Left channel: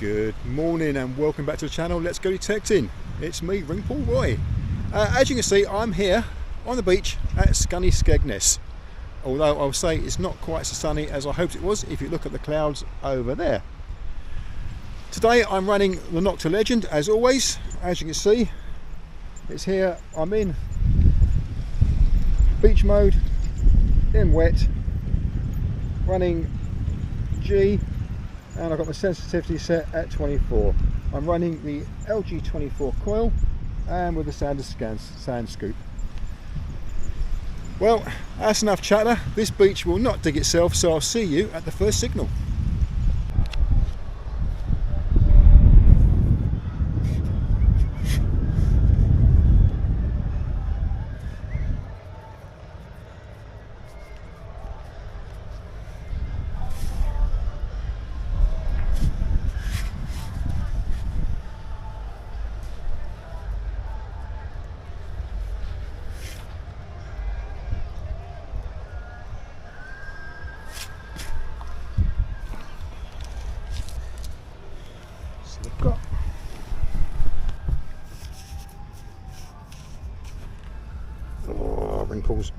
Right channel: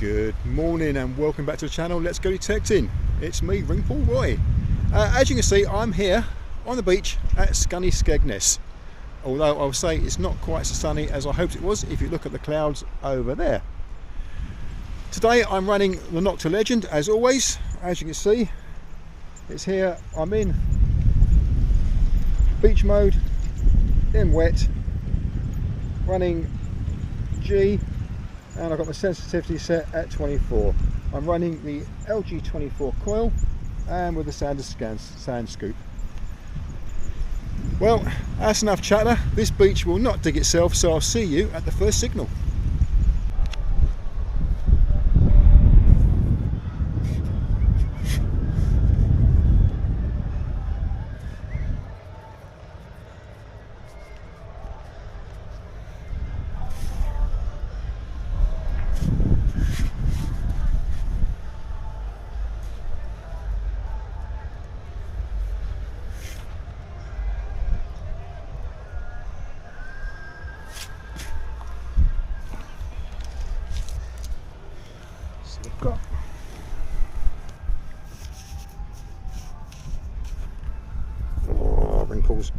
Good morning and welcome back to the channel. Let's go detecting. It's me, Ring Paul Roy. As you can see, I'm here on the beach at sunny Skegness. Although I'll say it's not quite so sunny as I hoped it was if you look at the clouds over there. Today I'm running the Nokta Legend as always. As you can see, it's here. I'm in beach mode, in wet, running G, and I've got my sensitivity set at 24. I'm running the LG24 Coil and with the sand scoop. Well, that's enough chatter. This beach will not dig itself, so I'll see you at the first signal. Got wrinkles.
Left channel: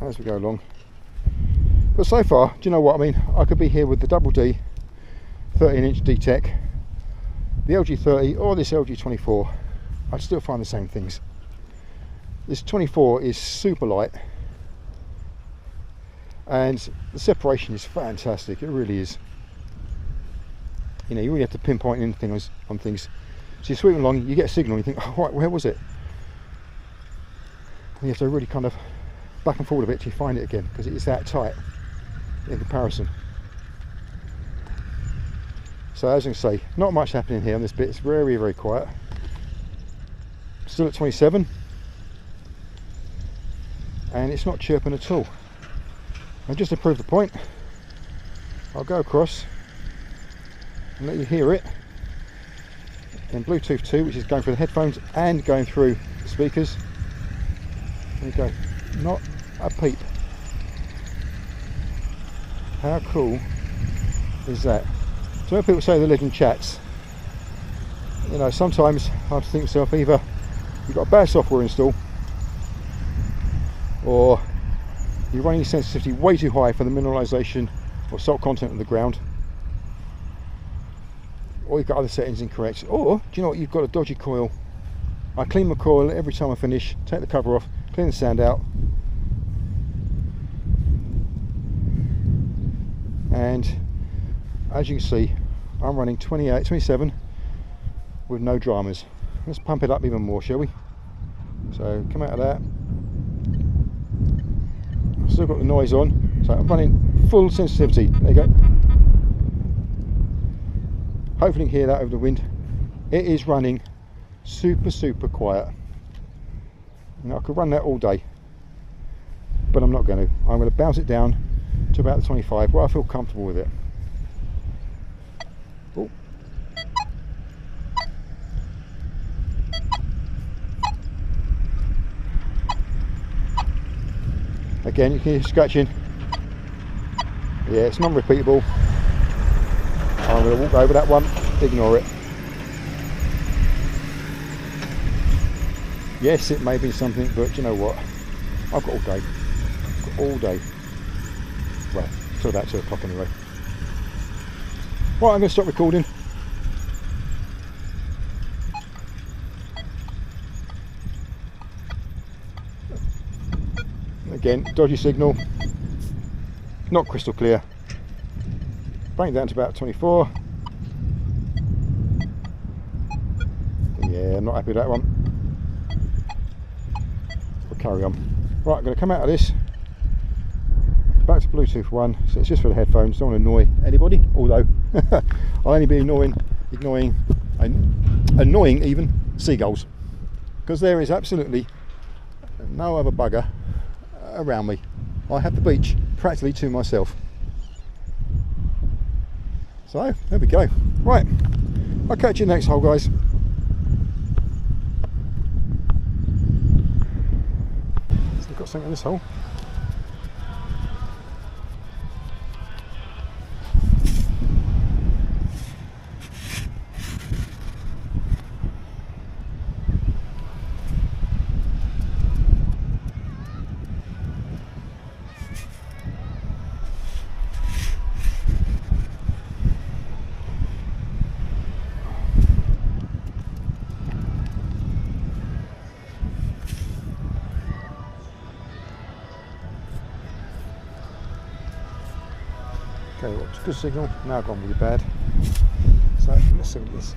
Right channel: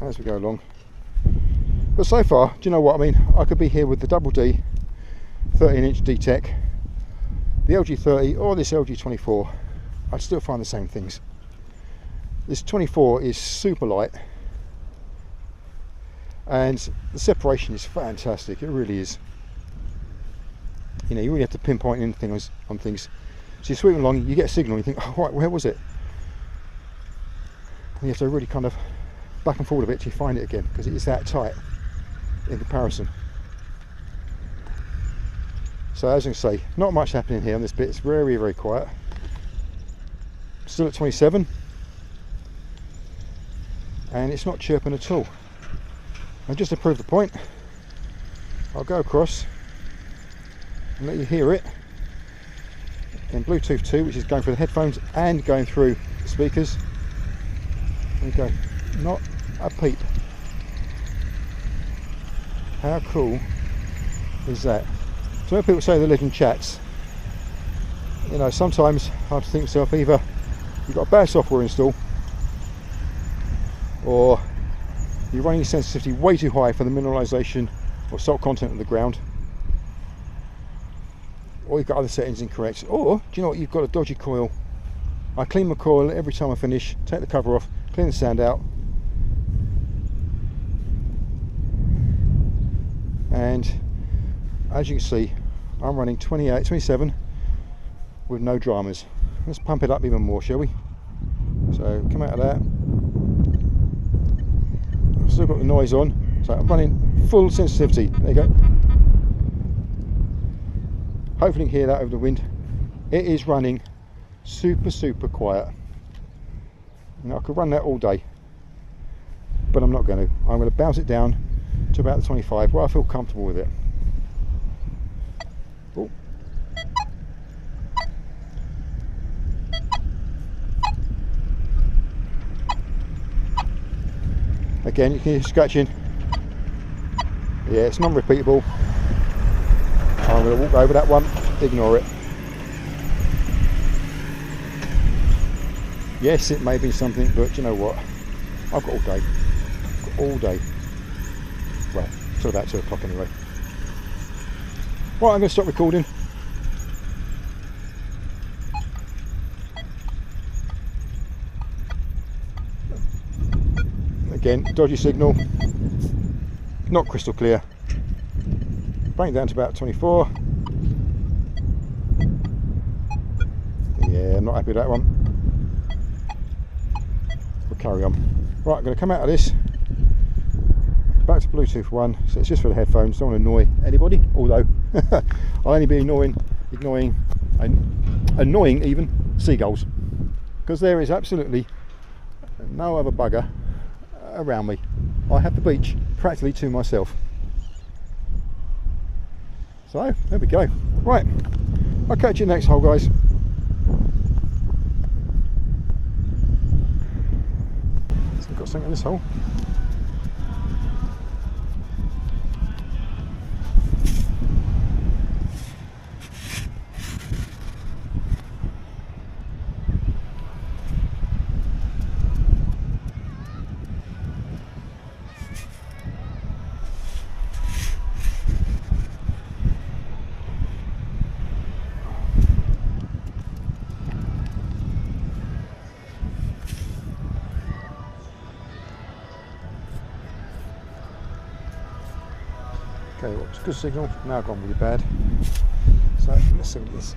As we go along, but so far, do you know what I mean? I could be here with the double D 13-inch D-Tech, the LG30 or this LG24. I'd still find the same things. This 24 is super light and the separation is fantastic. It really is. You know, you really have to pinpoint in things on things. So you're sweeping along, you get a signal, you think, oh right, where was it? And you have to really kind of back and forward a bit till you find it again, because it is that tight in comparison. So as you can see, not much happening here on this bit. It's very, very quiet. Still at 27, and it's not chirping at all. And just to prove the point, I'll go across and let you hear it in Bluetooth 2, which is going through the headphones and going through the speakers. There you go, not a peep. How cool is that? So when people say the legend chats, you know, sometimes I have to think to myself, either you've got a bad software install, or you're running your sensitivity way too high for the mineralization or salt content of the ground, or you've got other settings incorrect, or do you know what, you've got a dodgy coil. I clean my coil every time I finish, take the cover off, clean the sand out, and as you can see, I'm running 27 with no dramas. Let's pump it up even more, shall we? So come out of that. Still got the noise on, so I'm running full sensitivity. There you go. Hopefully you can hear that over the wind. It is running super quiet. Now, I could run that all day, but I'm not going to. I'm going to bounce it down to about the 25 where I feel comfortable with it. Oh. Again, you can hear scratching. Yeah, it's non-repeatable. I'm going to walk over that one, ignore it. Yes, it may be something, but you know what? I've got all day. I've got all day. Well, till about 2 o'clock anyway. Right, I'm going to stop recording. Again, dodgy signal, not crystal clear. Bring it down to about 24. Yeah, I'm not happy with that one. We'll carry on. Right, I'm going to come out of this, back to Bluetooth 1, so it's just for the headphones, don't want to annoy anybody, although I'll only be ignoring even seagulls, because there is absolutely no other bugger around me. I have the beach practically to myself. So there we go. Right, I'll catch you next hole, guys. something in this hole. Okay, well, it's a good signal. Now gone really bad. So let's see what it is.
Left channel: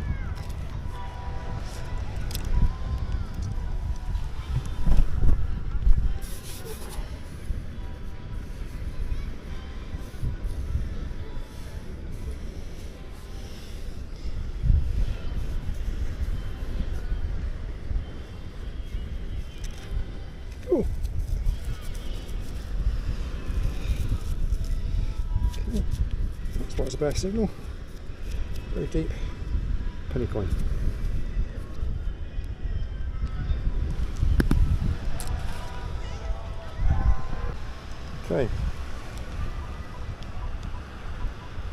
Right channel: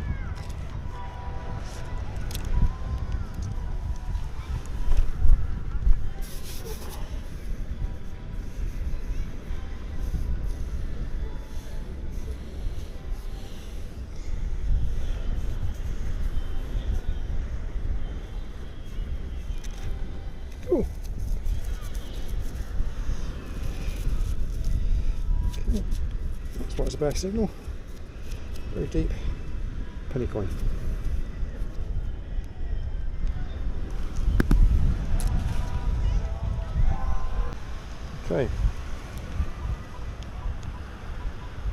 Oh. That's why it's a bad signal. Very deep penny coin. Okay.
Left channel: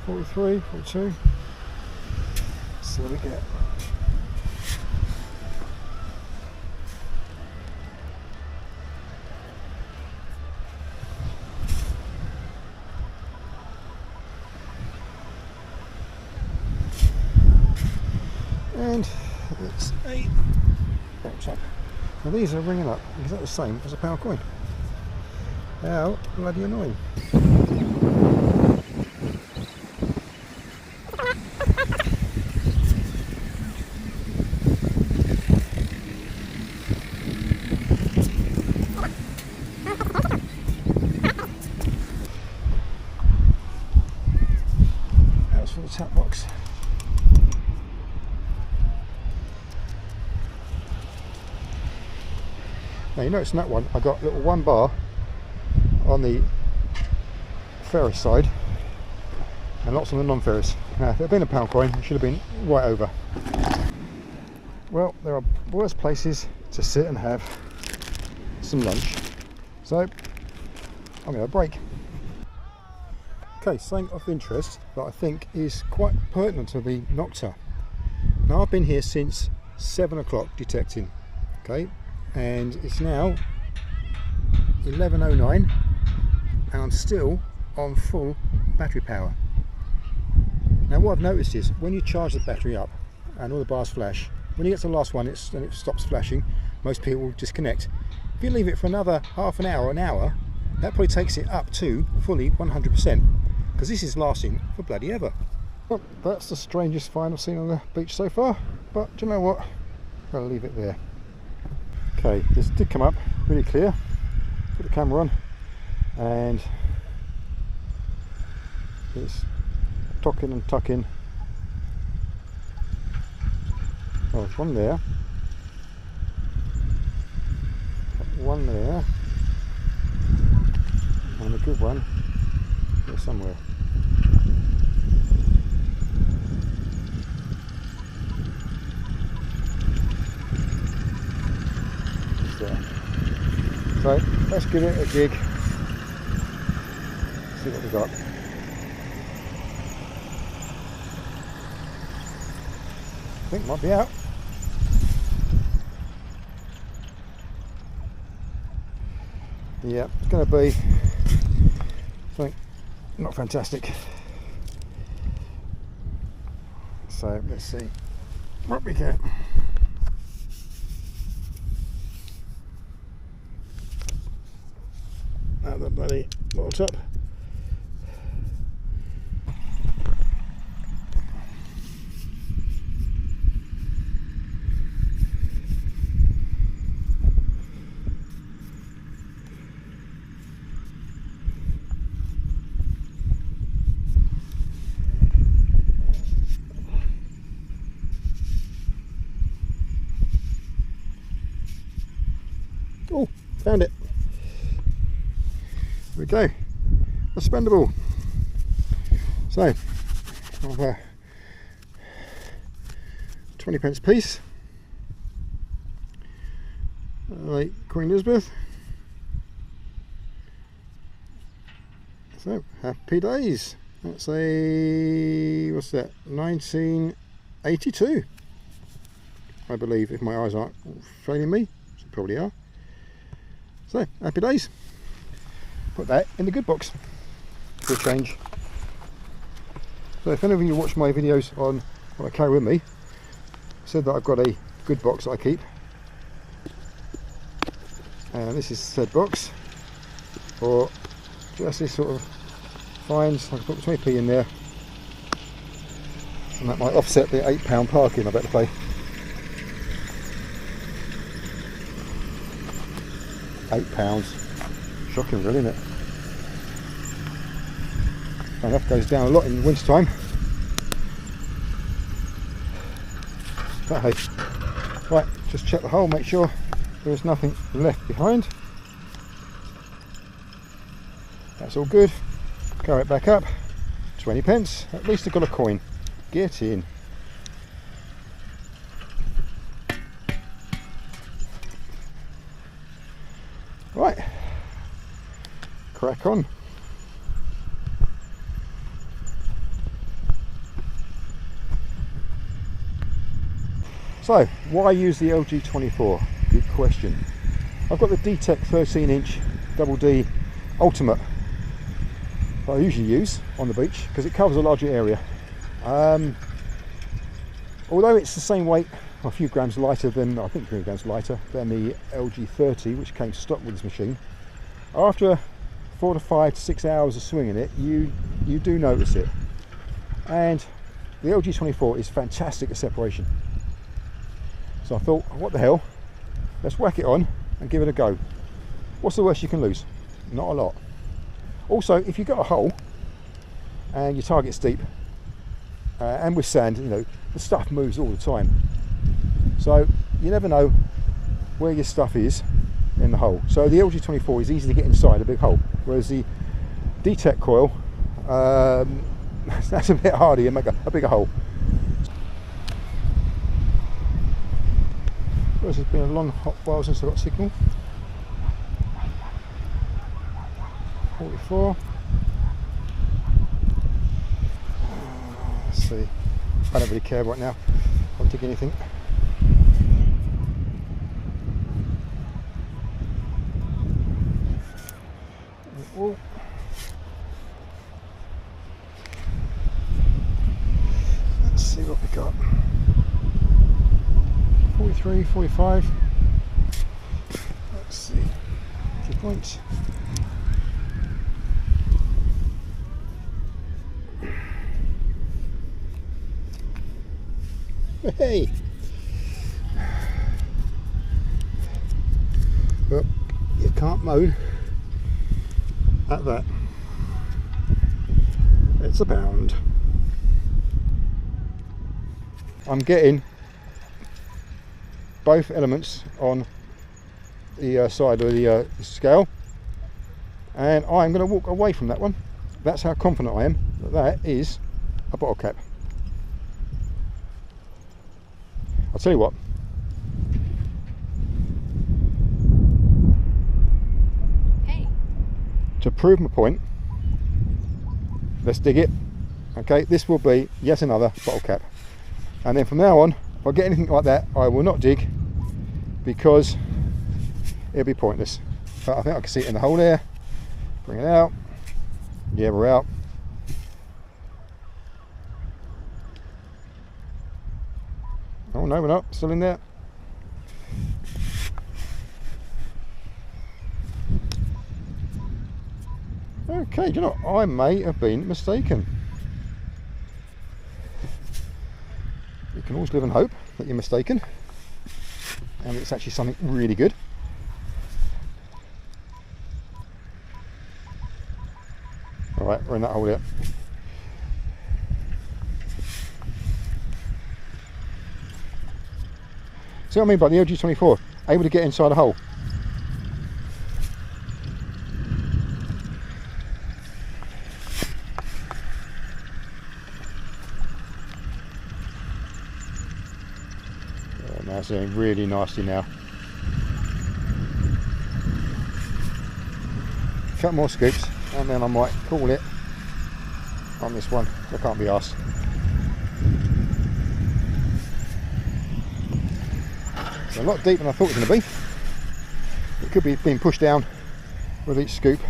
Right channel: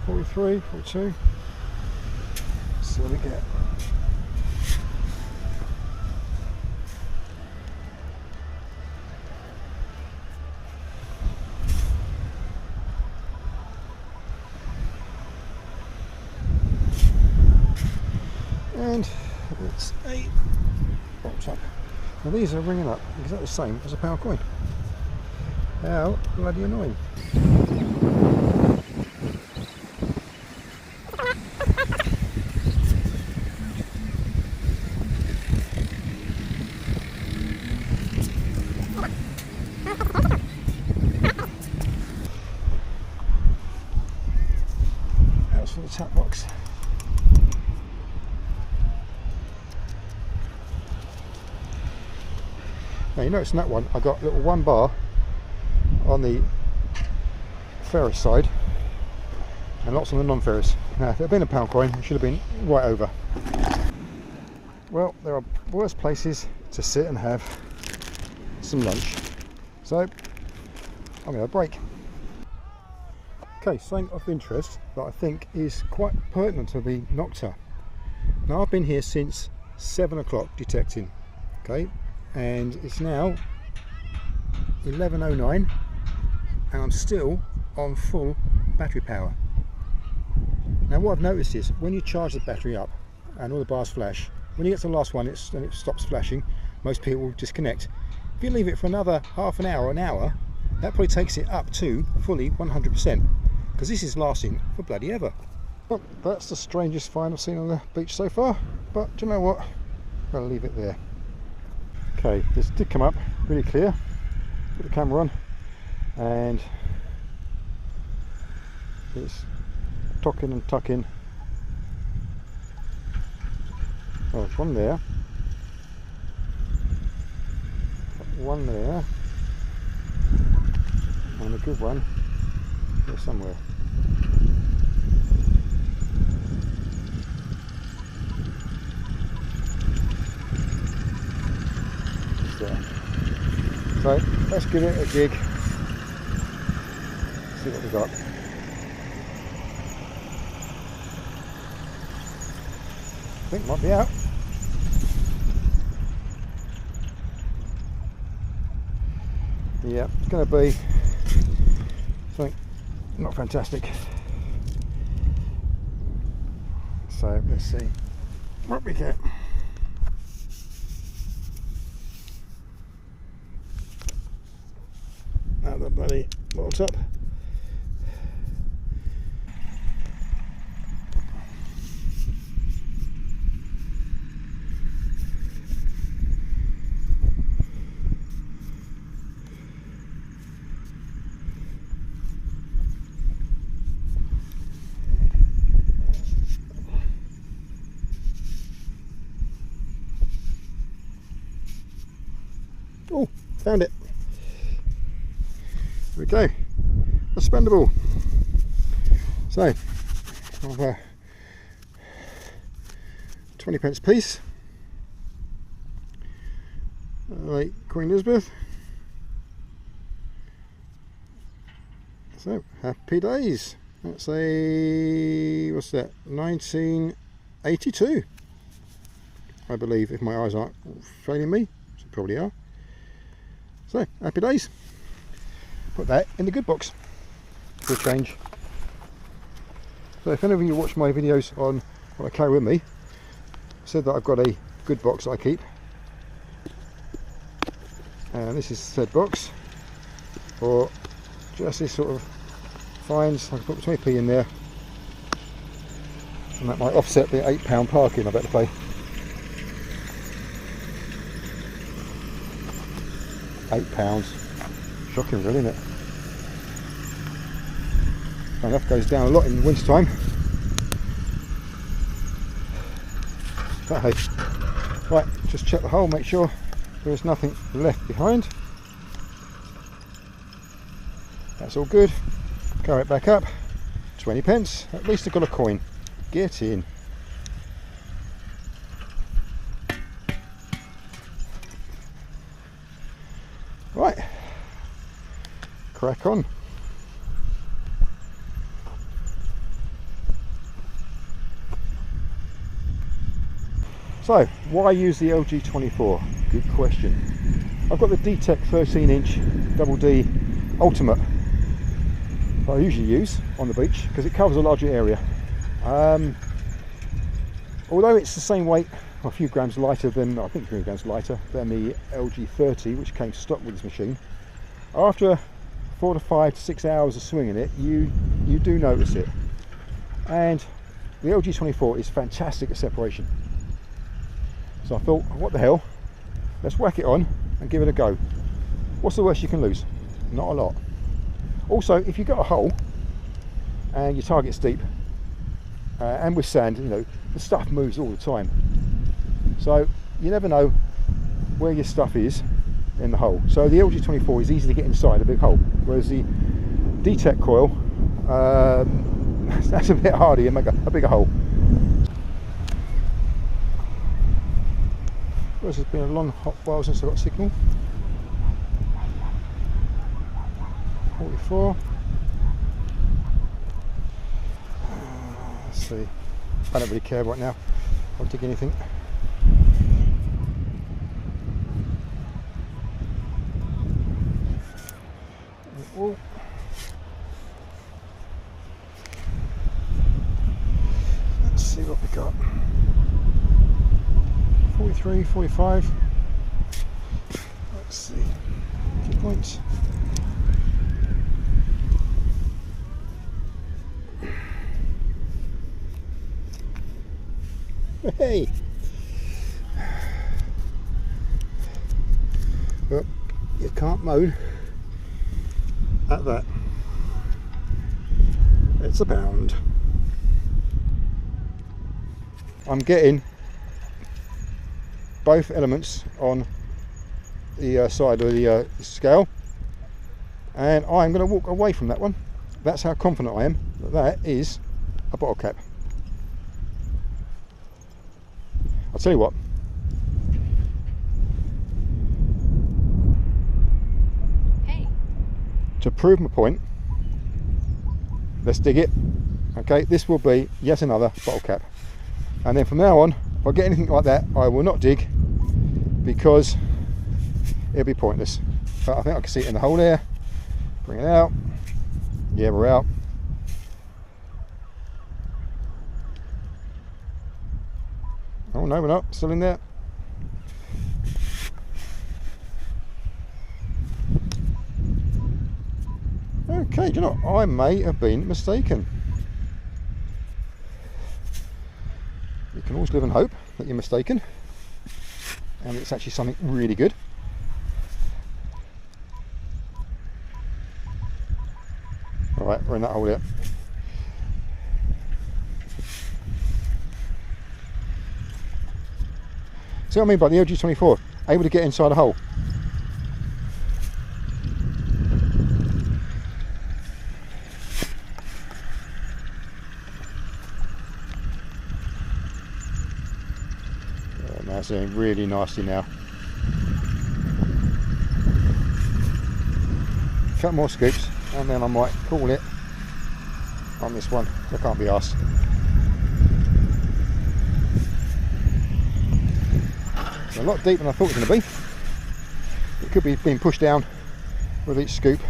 43, 42. So what we get. And it's a box up. Now these are ringing up exactly the same as a pound coin. How bloody annoying. That's for the tap box. Now you notice in that one I got a little 1 bar on the ferrous side and lots on the non-ferrous. Now if it had been a pound coin it should have been right over. Well, there are worse places to sit and have some lunch, so I'm going to break. Okay, something of interest that I think is quite pertinent to the Nokta. Now I've been here since 7 o'clock detecting, okay, and it's now 11:09 and I'm still on full battery power. Now what I've noticed is when you charge the battery up and all the bars flash, when you get to the last one and it stops flashing, most people will disconnect. If you leave it for another half an hour, that probably takes it up to fully 100%, because this is lasting for bloody ever. Well, that's the strangest find I've seen on the beach so far, but do you know what? I'm going to leave it there. Okay, this did come up really clear. Put the camera on and it's tocking and tucking. Oh, there's one there, one there, and a good one here somewhere. There. So let's give it a jig, see what we got. I think it might be out. Yeah, it's going to be something not fantastic. So let's see what we get. Out of the bloody bottle top. Oh, found it. There we go, a spendable. So, 20p piece. Right, Queen Elizabeth. So, happy days. That's a, what's that, 1982, I believe, if my eyes aren't failing me, so probably are. So, happy days. Put that in the good box for a change. So if any of you watch my videos on what I carry with me, I said that I've got a good box that I keep. And this is said box, or just this sort of finds. I can put 20p in there, and that might offset the £8 parking I better pay. £8, shocking really, isn't it? And that goes down a lot in the winter time. But hey, right, just check the hole, make sure there is nothing left behind. That's all good. Carry it back up. 20p. At least I've got a coin. Get in. Right. Crack on. So, why use the LG24? Good question. I've got the D-Tech 13-inch Double D Ultimate that I usually use on the beach because it covers a larger area. Although it's the same weight, a few grams lighter than, I think 3 grams lighter than the LG30, which came stock with this machine, after 4 to 5 to 6 hours of swinging it, you do notice it. And the LG24 is fantastic at separation. So I thought, what the hell, let's whack it on and give it a go. What's the worst you can lose? Not a lot. Also, if you've got a hole and your target's deep, and with sand, you know, the stuff moves all the time. So you never know where your stuff is in the hole. So the LG24 is easy to get inside a big hole, whereas the D-Tech Coil, that's a bit harder, you make a bigger hole. It's been a long hot while since I got signal. 44. Let's see. I don't really care right now. I'll dig anything. Oh. Let's see what we got. 43, 45. Let's see. Accupoint. Hey! Well, you can't moan at that. It's a pound. I'm getting both elements on the side of the scale, and I'm going to walk away from that one. That's how confident I am that that is a bottle cap. I'll tell you what, hey, to prove my point, let's dig it. Okay, this will be yet another bottle cap, and then from now on, if I get anything like that, I will not dig, because it'll be pointless. But I think I can see it in the hole there. Bring it out. Yeah, we're out. Oh no, we're not. Still in there. Okay, do you know what? I may have been mistaken. You can always live and hope that you're mistaken, and it's actually something really good. Alright, we're in that hole there. See what I mean by the LG24? Able to get inside a hole. That's doing really nicely now. A couple more scoops. and then I might call it on this one. I can't be asked. So a lot deeper than I thought it was going to be. It could be being pushed down with each scoop.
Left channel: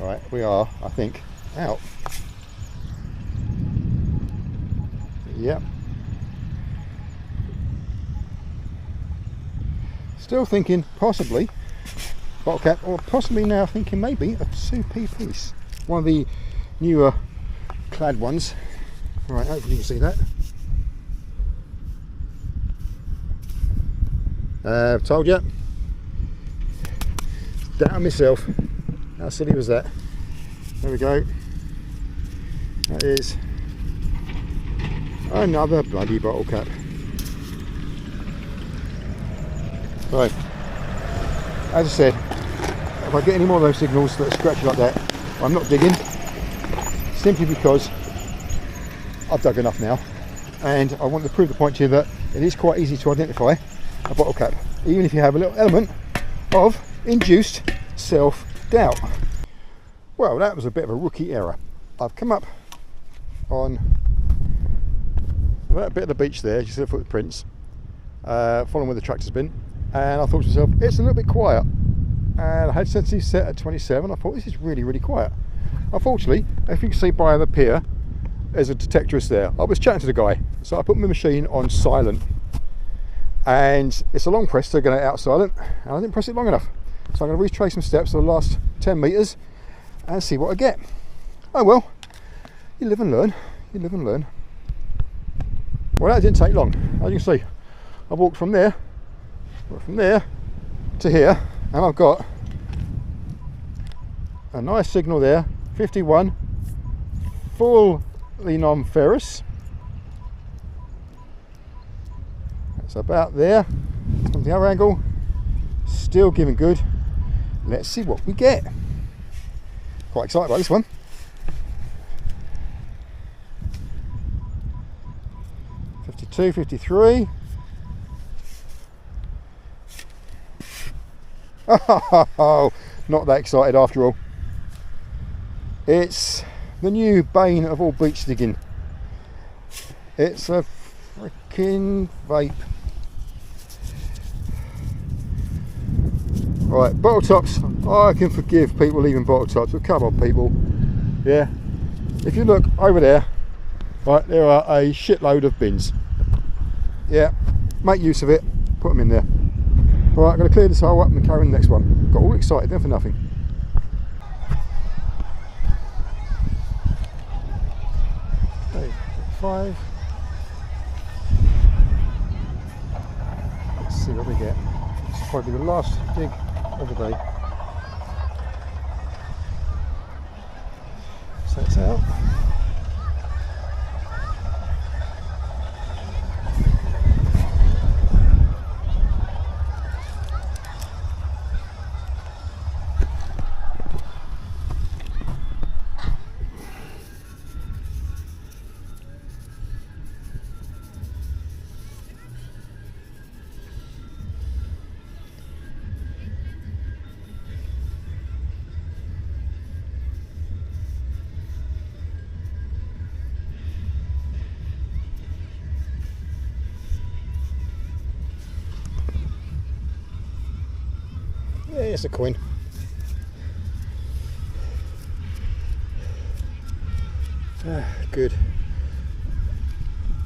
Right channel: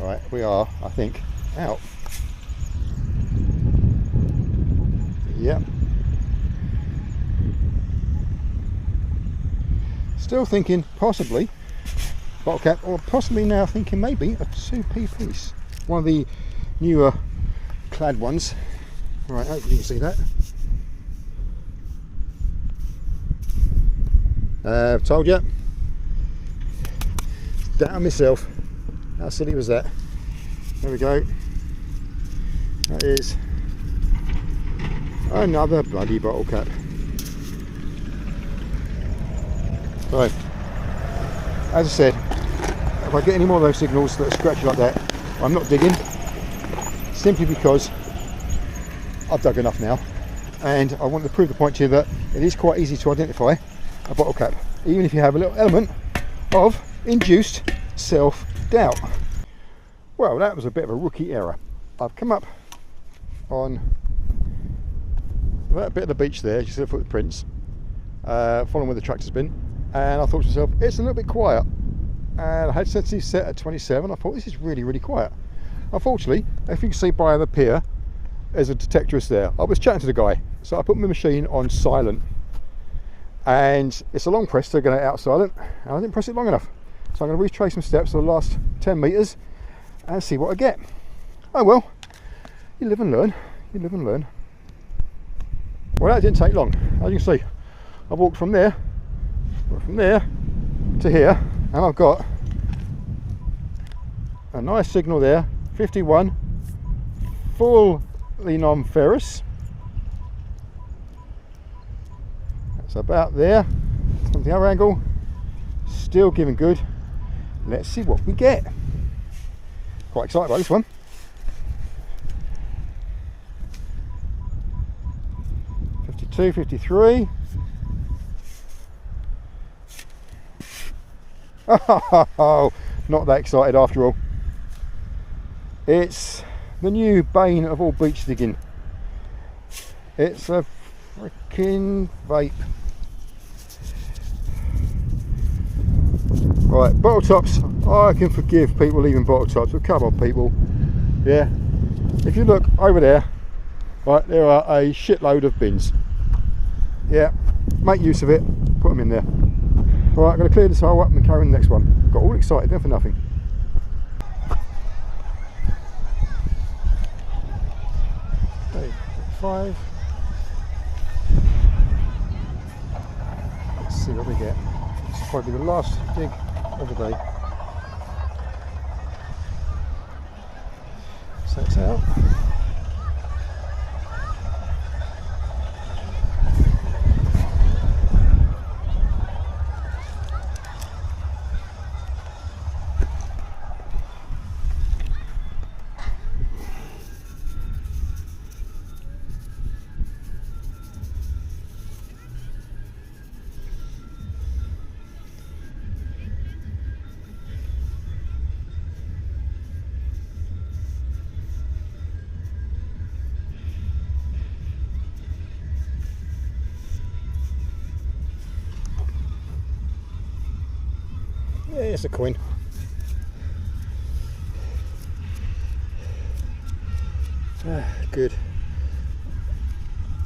Right, we are, I think, out. Yep. Still thinking possibly bottle cap, or possibly now thinking maybe a 2p piece. One of the newer clad ones. Right, hopefully you can see that. I've told you. Down myself. How silly was that? There we go. That is another bloody bottle cap. Right. As I said, if I get any more of those signals that are scratchy like that, I'm not digging. Simply because I've dug enough now, and I want to prove the point to you that it is quite easy to identify a bottle cap, even if you have a little element of induced self-doubt. Well, that was a bit of a rookie error. I've come up on that bit of the beach there, you see the footprints, following where the tractor's been, and I thought to myself, it's a little bit quiet. And I had sensitivity set at 27. I thought, this is really, really quiet. Unfortunately, if you can see by the pier, there's a detectorist there. I was chatting to the guy, so I put my machine on silent, and it's a long press to get it out silent, and I didn't press it long enough. So I'm going to retrace my steps for the last 10 metres and see what I get. Oh well, you live and learn, you live and learn. Well, that didn't take long. As you can see, I walked from there to here, and I've got a nice signal there, 51, fully non-ferrous. That's about there. From the other angle, still giving good. Let's see what we get. Quite excited about this one. 52, 53. Oh, not that excited after all. It's the new bane of all beach digging. It's a freaking vape. Right, bottle tops. I can forgive people leaving bottle tops, but come on people. Yeah, if you look over there, right, there are a shitload of bins. Yeah, make use of it, put them in there. Right, I'm going to clear this hole up and carry on the next one. Got all excited then for nothing. Okay, 5. Let's see what we get. This will probably be the last dig of the day. So it's out. Yeah, it's a coin. Good.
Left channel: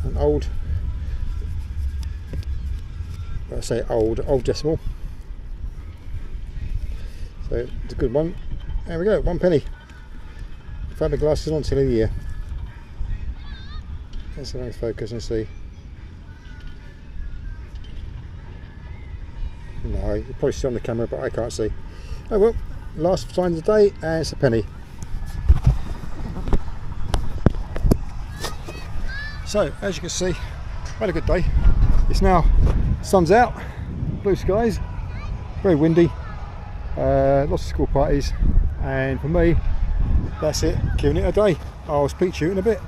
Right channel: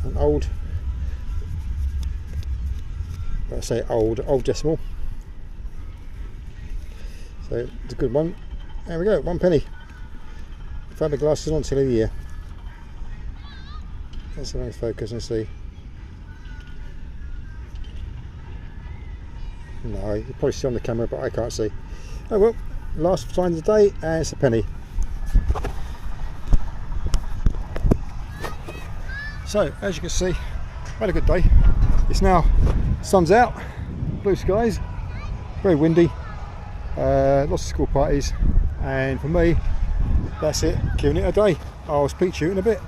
An old, I say old decimal. So it's a good one. There we go, 1 penny. Fiberglass is on till the year. Let's see if I can focus and see. No, you probably see on the camera, but I can't see. Oh well, last find of the day, and it's a penny. So, as you can see, had a good day. It's now, sun's out, blue skies, very windy, lots of school parties, and for me, that's it, giving it a day. I'll speak to you in a bit.